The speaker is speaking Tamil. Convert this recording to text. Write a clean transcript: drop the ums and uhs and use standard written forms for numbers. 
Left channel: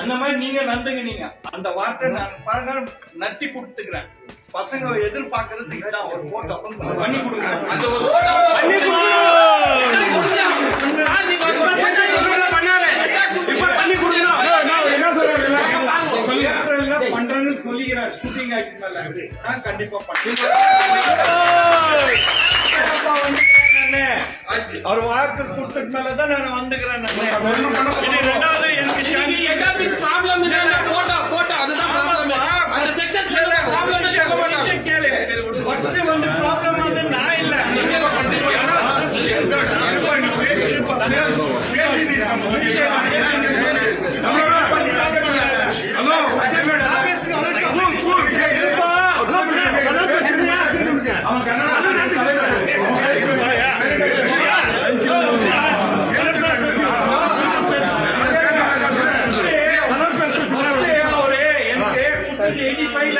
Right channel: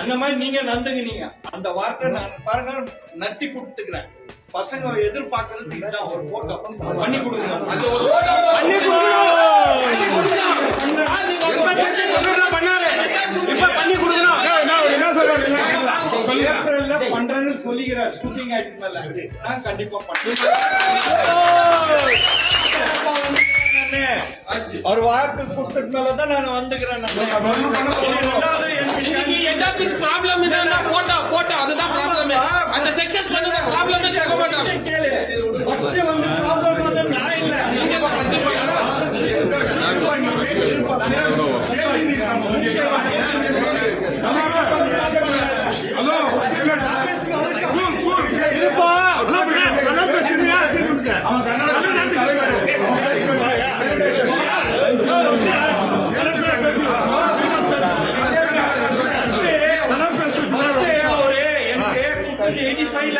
அந்த மாதிரி நீங்க நந்துங்க. அந்த வார்த்தை நான் பாருங்க நத்தி கொடுத்துக்கிறேன். பசங்க எதிர்பார்க்கறது இதுதான், ஒரு போட்டோ பண்ணி கொடுக்குறேன். அந்த ஒரு பண்றேன்னு சொல்லிக்கிறார். ஷூட்டிங் ஆக்ட் மேல கண்டிப்பா அவர் வாக்கு கொடுத்ததுனாலதான் நான் வந்துக்கிறேன். வந்து ப்ராப்ளம் வந்து நான் இல்ல அவரு எனக்கு 85